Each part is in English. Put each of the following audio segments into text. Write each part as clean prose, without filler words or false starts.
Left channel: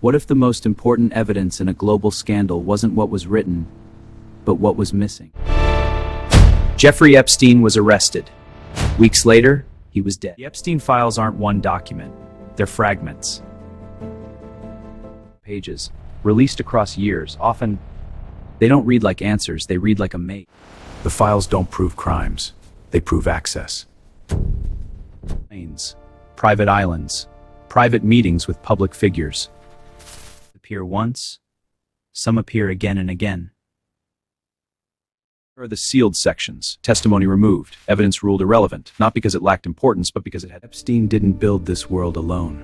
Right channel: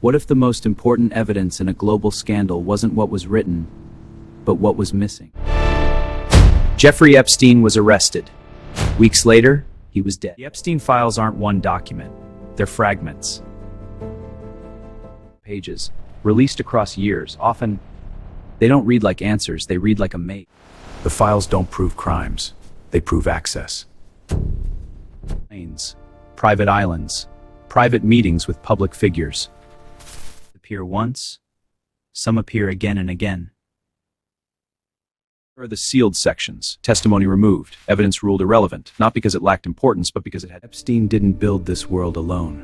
What if the most important evidence in a global scandal wasn't what was written, but what was missing? Jeffrey Epstein was arrested. Weeks later, he was dead. The Epstein files aren't one document. They're fragments. Pages, released across years. Often, they don't read like answers, they read like a maze. The files don't prove crimes. They prove access. Planes, private islands, private meetings with public figures. Appear once, some appear again and again. Here are the sealed sections. Testimony removed, evidence ruled irrelevant, not because it lacked importance, but because it had. Epstein didn't build this world alone.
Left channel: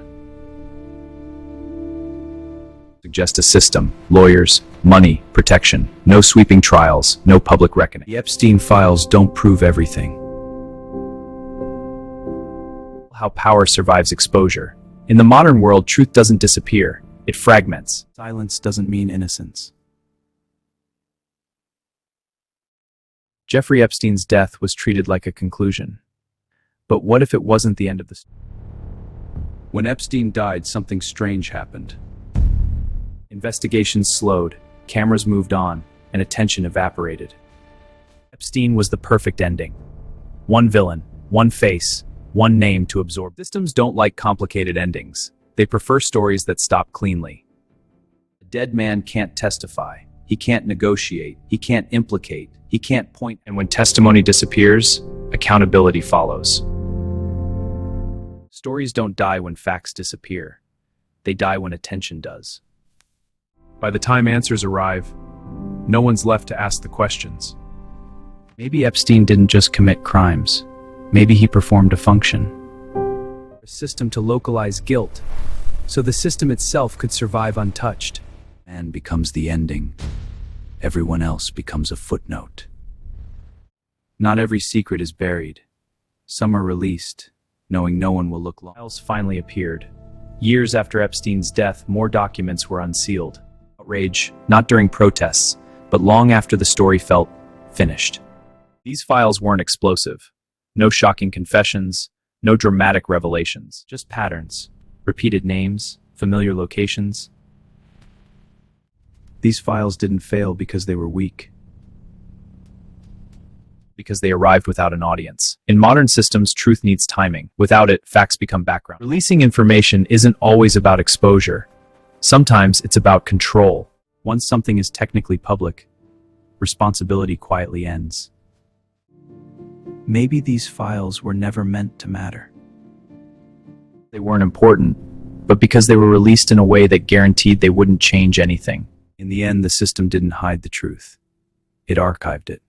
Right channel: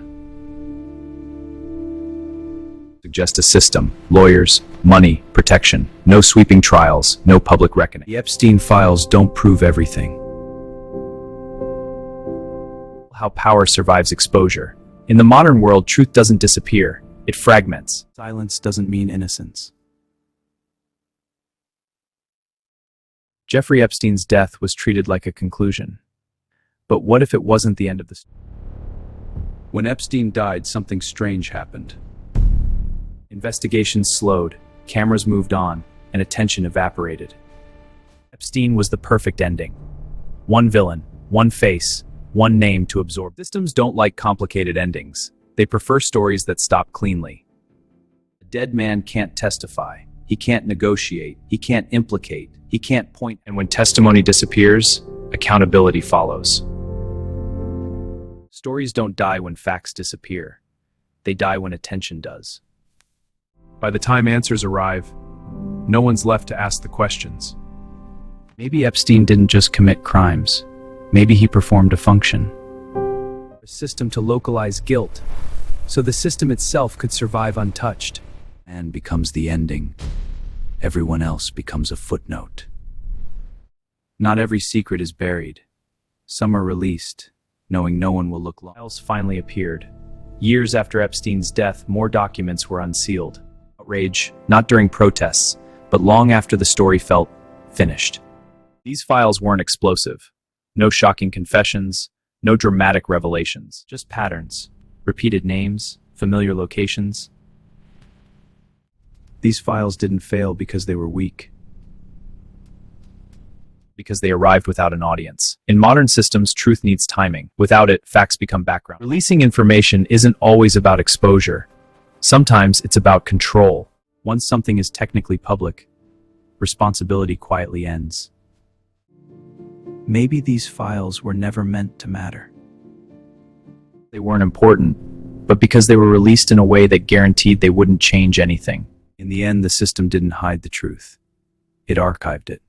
Suggest a system, lawyers, money, protection, no sweeping trials, no public reckoning. The Epstein files don't prove everything. How power survives exposure. In the modern world, truth doesn't disappear, it fragments. Silence doesn't mean innocence. Jeffrey Epstein's death was treated like a conclusion. But what if it wasn't the end of the story? When Epstein died, something strange happened. Investigations slowed, cameras moved on, and attention evaporated. Epstein was the perfect ending. One villain, one face, one name to absorb. Systems don't like complicated endings. They prefer stories that stop cleanly. A dead man can't testify. He can't negotiate. He can't implicate. He can't point. And when testimony disappears, accountability follows. Stories don't die when facts disappear. They die when attention does. By the time answers arrive, no one's left to ask the questions. Maybe Epstein didn't just commit crimes. Maybe he performed a function. A system to localize guilt, so the system itself could survive untouched. Man becomes the ending. Everyone else becomes a footnote. Not every secret is buried. Some are released, knowing no one will look long. Files finally appeared. Years after Epstein's death, more documents were unsealed. Outrage, not during protests, but long after the story felt finished. These files weren't explosive. No shocking confessions, no dramatic revelations, just patterns, repeated names, familiar locations. These files didn't fail because they were weak. Because they arrived without an audience. In modern systems, truth needs timing. Without it, facts become background. Releasing information isn't always about exposure. Sometimes it's about control. Once something is technically public, responsibility quietly ends. Maybe these files were never meant to matter. They weren't important, but because they were released in a way that guaranteed they wouldn't change anything. In the end, the system didn't hide the truth. It archived it.